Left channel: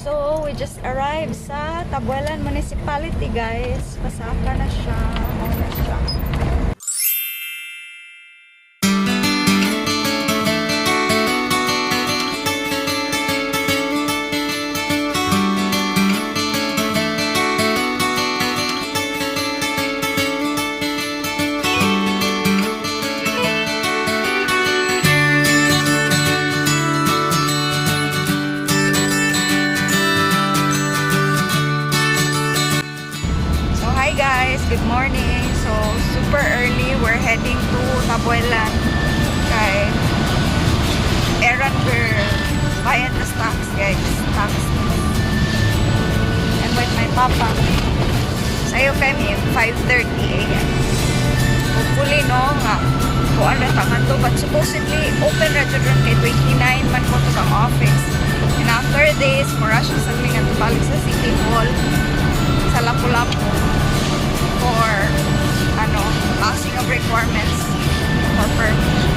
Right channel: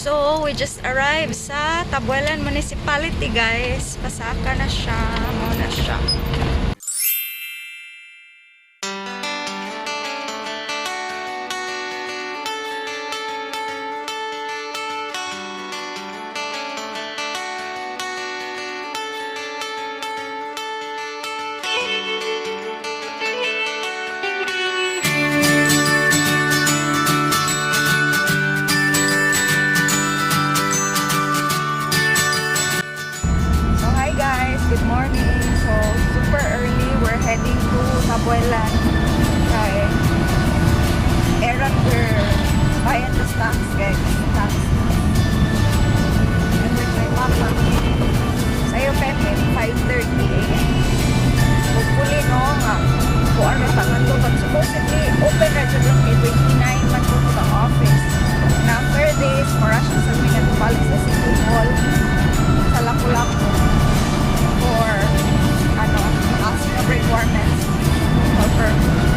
So, we just arrived sa Tabuelan Municipality, guys. Pasaka na siya. Muna siya. Hi guys, good morning. So super early, we're heading to Tabuelan kay errand girl, bayan the stocks guys, stocks. And with my papa. Sayo kami 5:30 AM. Hopefully no nga kuan ra tangan to, but supposedly open ra jud kay 29 man ko to ang office. And after this, mura siya sa mga balik sa City Hall sa Lapu-Lapu for passing of requirements for permit.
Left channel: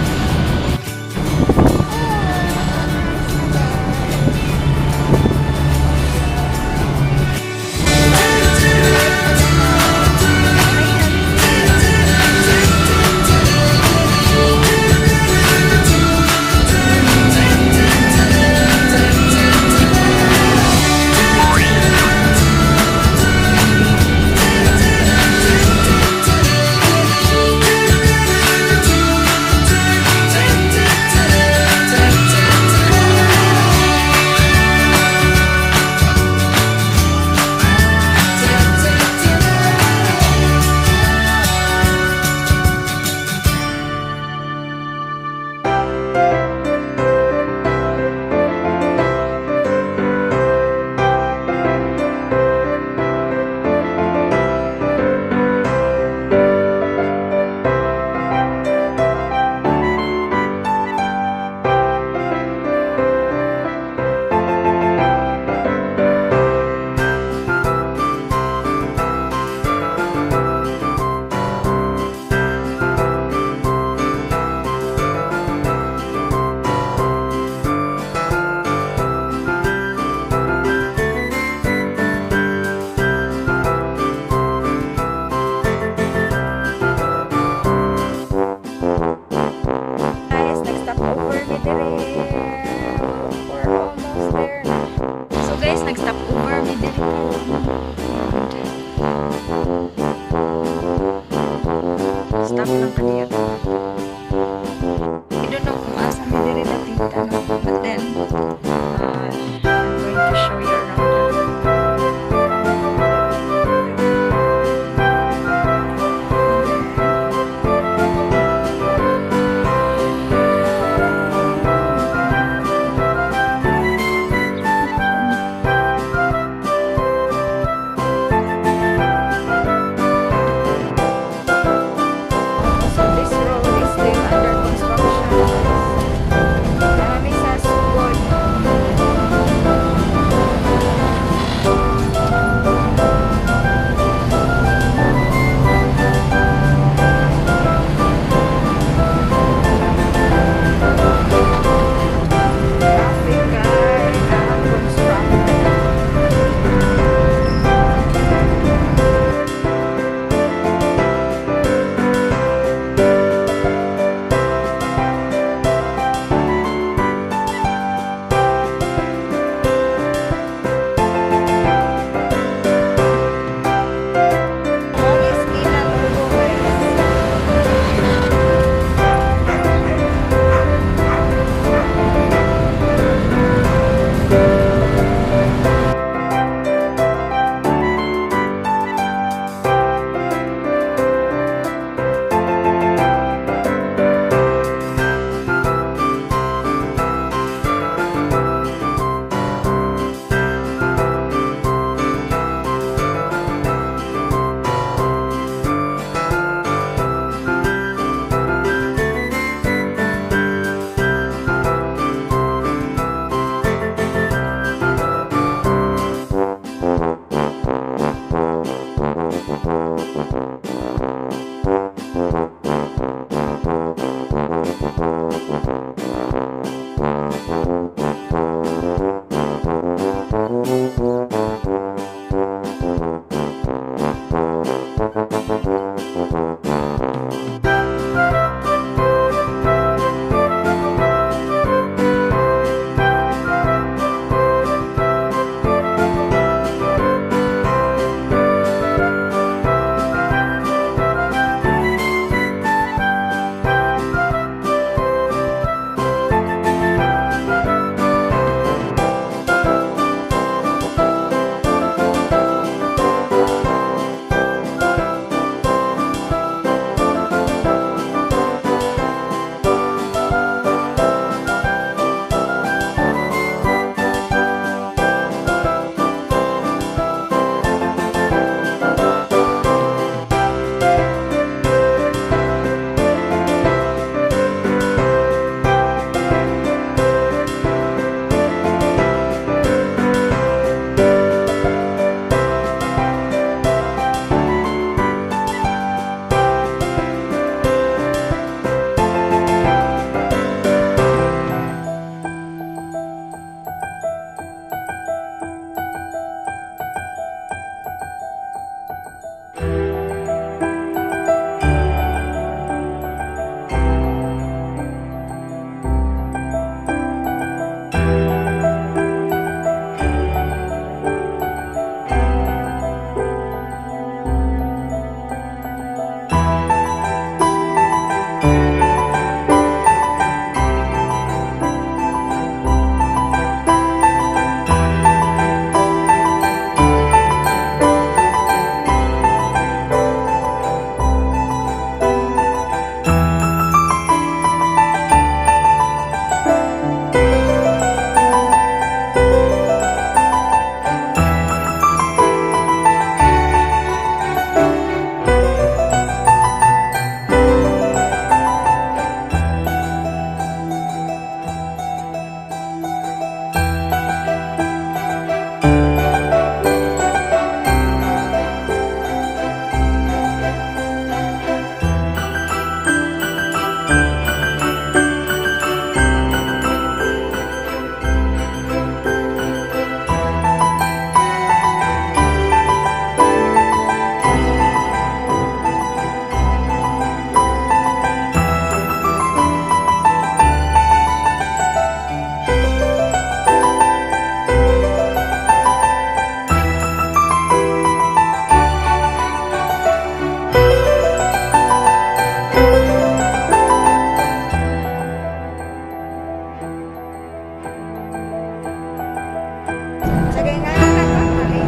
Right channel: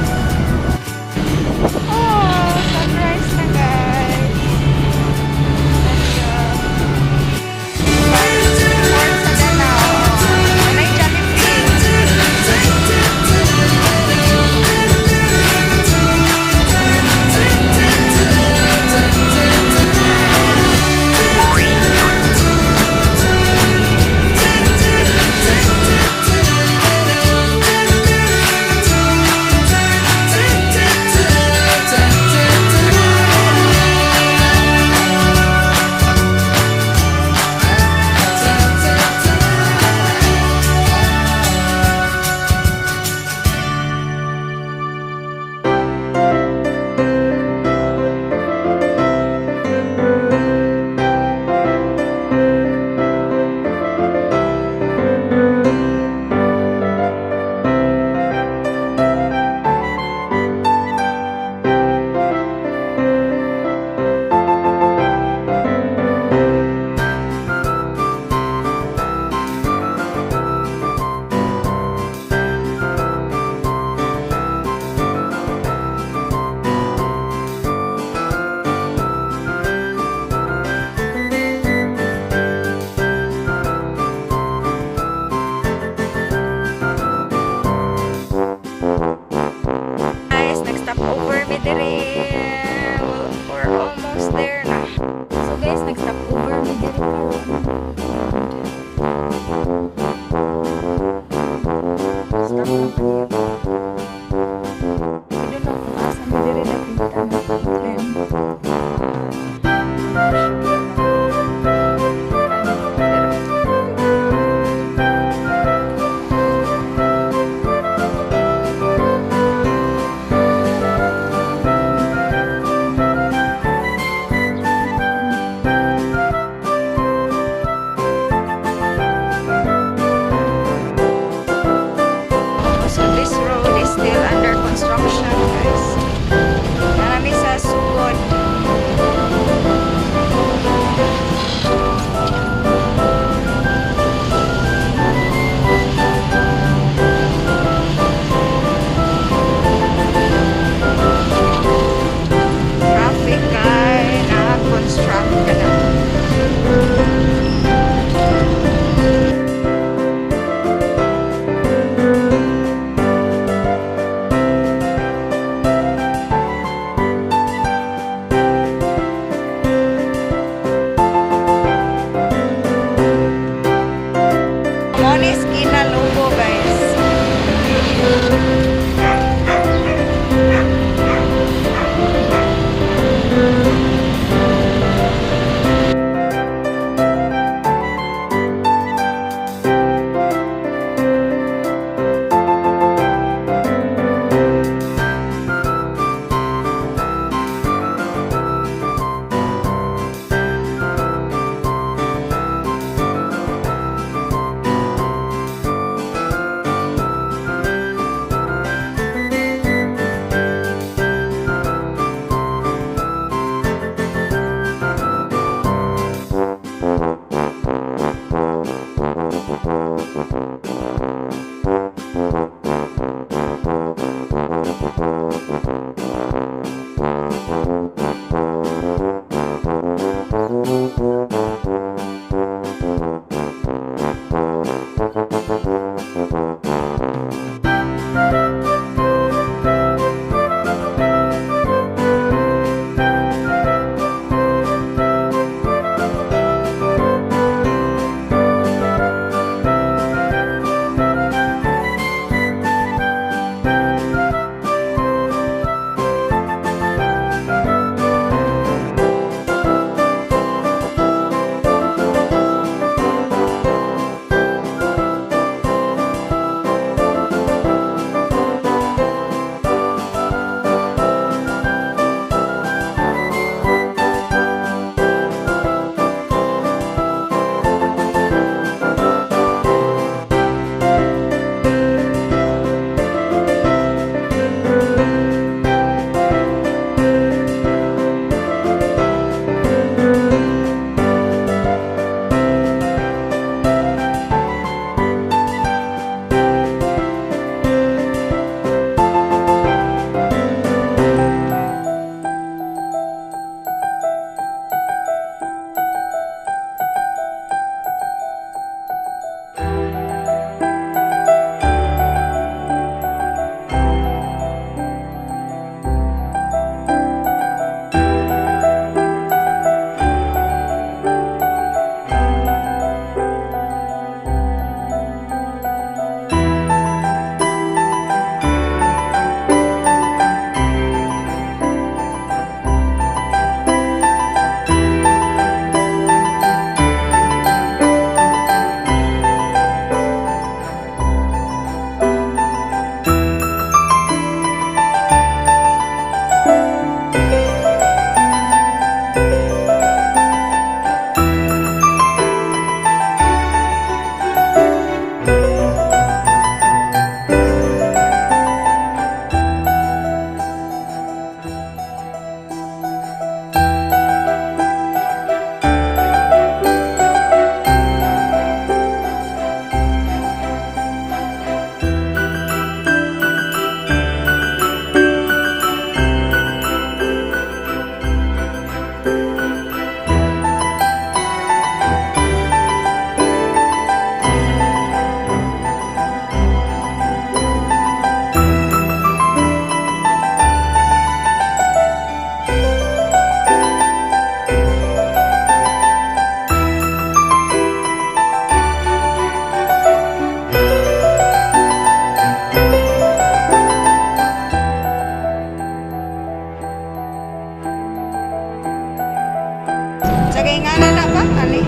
Lagay nga na ba? Ali?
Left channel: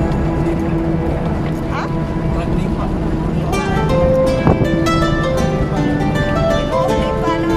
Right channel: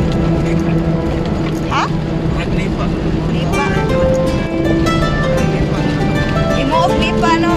Ha? Naglipa. Lipa? Imo of lipa, no?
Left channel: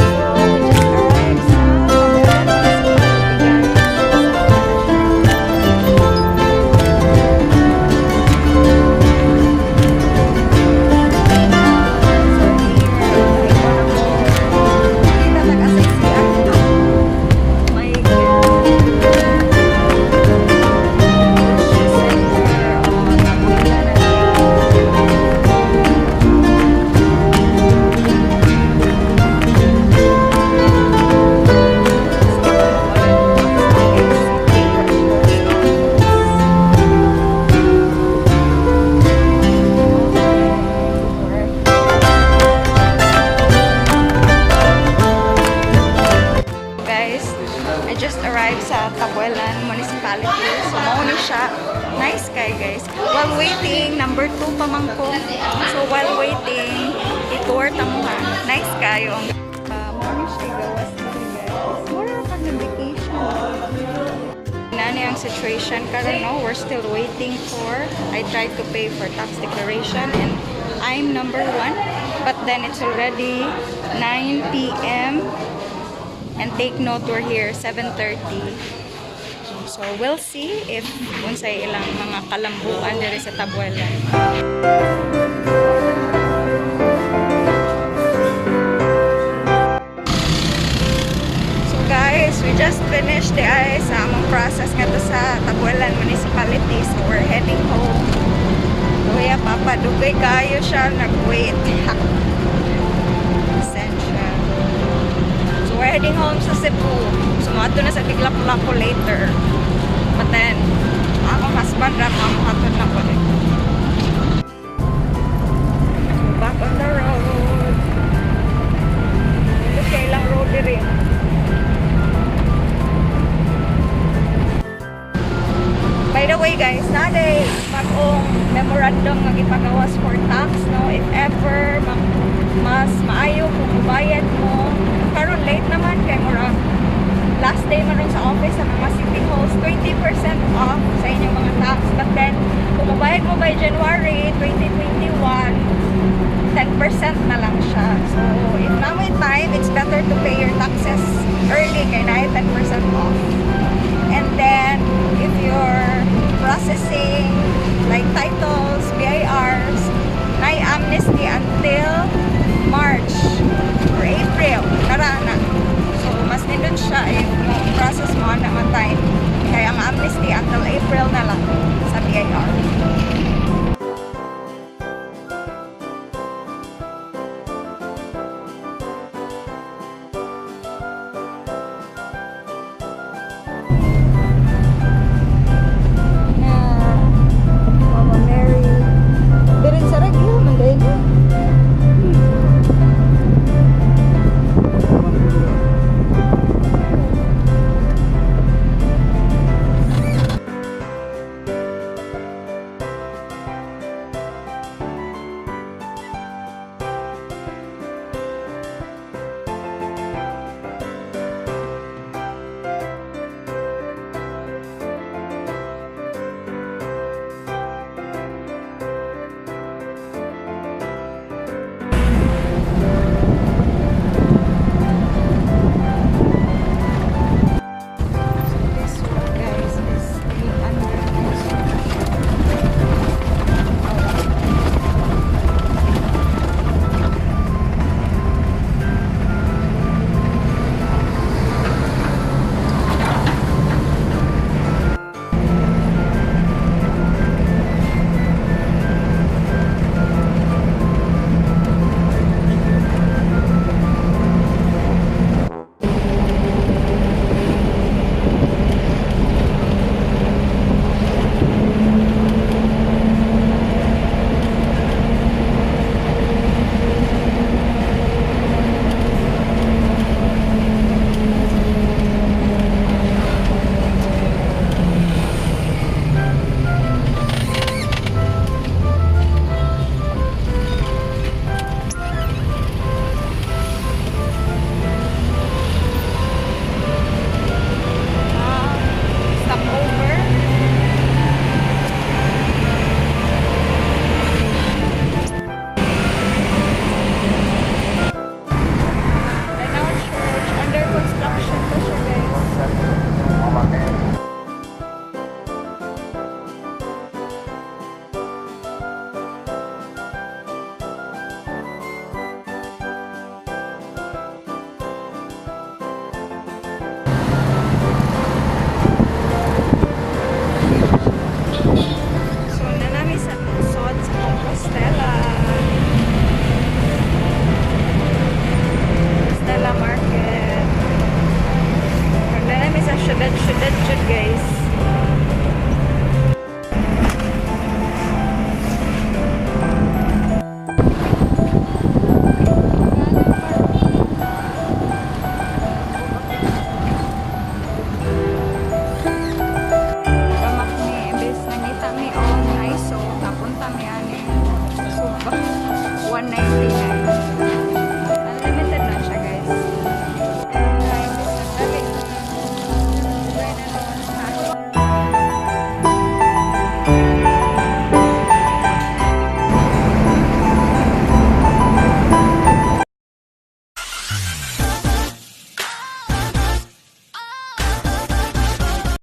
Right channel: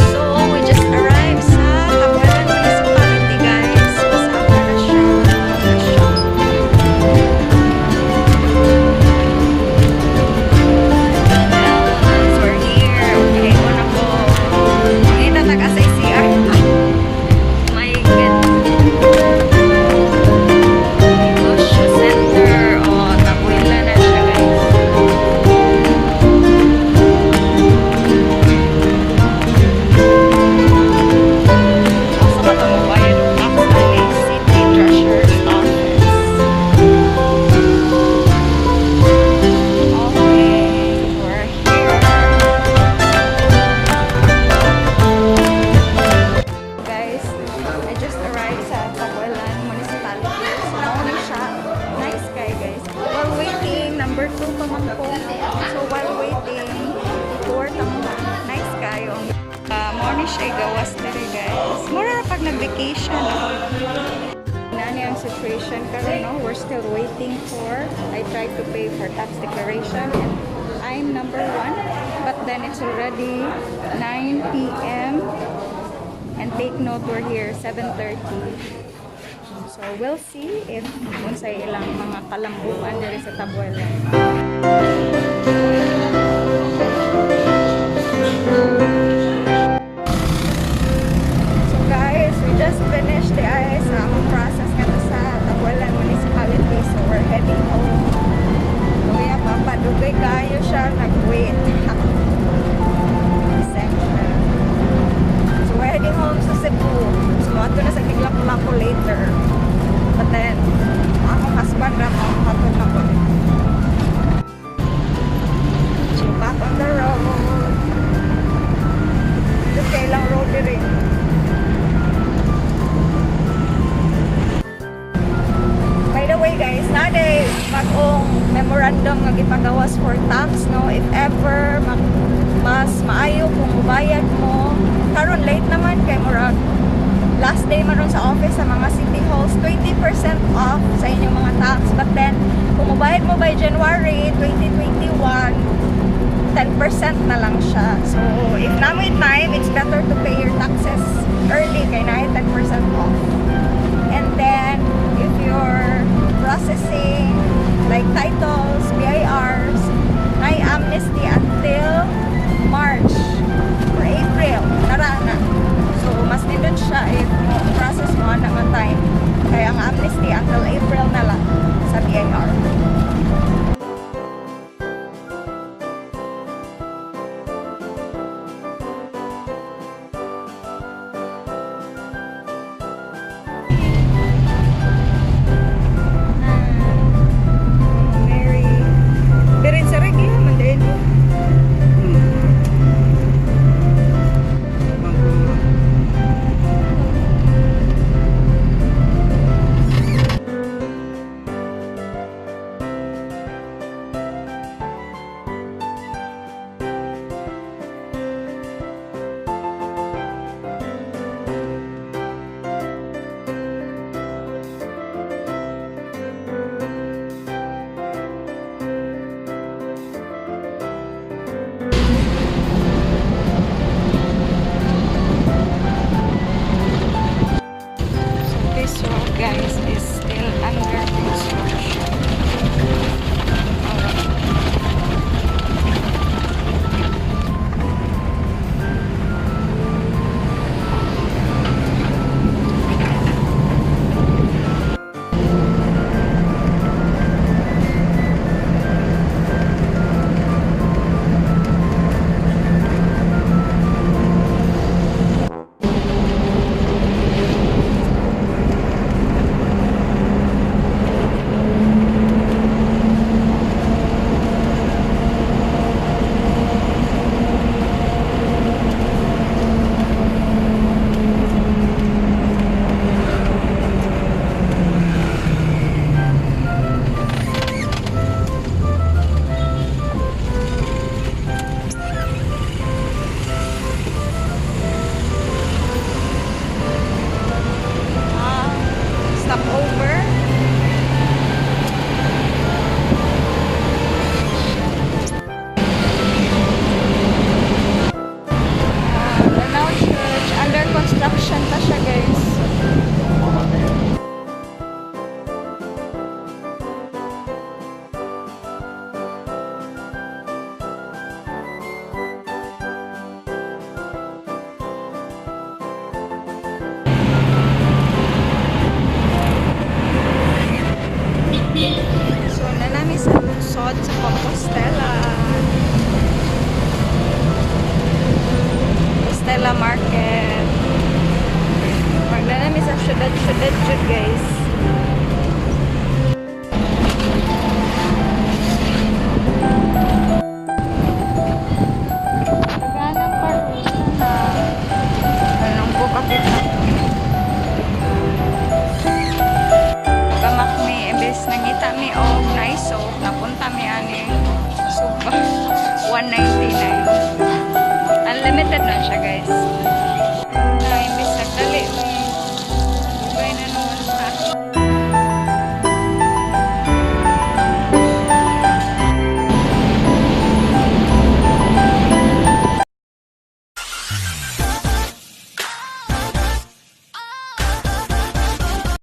So, we just arrived sa Tabuelan Municipality, guys. Kasama na siya. Guys, we're here. Okay, una po. Dito taga-say CR. My goodness. Bush Center. Oh, Tabuelan na siya, guys. Sa Matabayan, City Treasurer's Office. Okay, we're here. Guys, I just arrived sa Tabuelan Municipality. So, mauni siya. Nice guy, guys. While waiting, number 2 pa man ko. So, while waiting, i-tour ta mo ha. Nice kayo. Mauni siya gawas dere, guys. Mura na pag nag-vacation. Nani ang situation karon, no? We're still waiting for, I tried to pay for tax declaration and I'm number 1. But then it's already 9 p.m. And take note, we're here 7:30. So we'll see if unsay ilang mga kalambuan diri sa Tabuelan. So guys, we just finished the sa among process nga to sa Tabuelan Municipality. So we're heading home. Kuya Papa, dugay kayo siya nag-wait. Essential. So we're heading home sa Cebu. Sumato na sa Tiglapu-Lapu later. But then, akong husband na mamuhatod na ko dito. So back on the road. Ito kailang road rin. By the way guys, naday bagong memorandum nga gipagawas for tax, no? If ever mas maayo kung mubayad mo. Karon late naman kay murag last day man ron sa office sa mga city halls, 20% off sa inyong mga tax. But then kung mubayad mo by January 2021, 10% na lang siya. So if namoy time, it's better to pay your taxes early kay na 10% off. And then if you're processing like titles, BIRs, na amnesty until March or April, na. So mas nindot siya if process mo na time. Kaya ang amnesty until April na lang sa BIR. Mama Mary. Dirin sa regla, mandayin mo. syudad jud guys. Anong po bakit gamak mi imbes nangita mi og naiso napunta mi ani Suba 199. Unlimited na siya guys.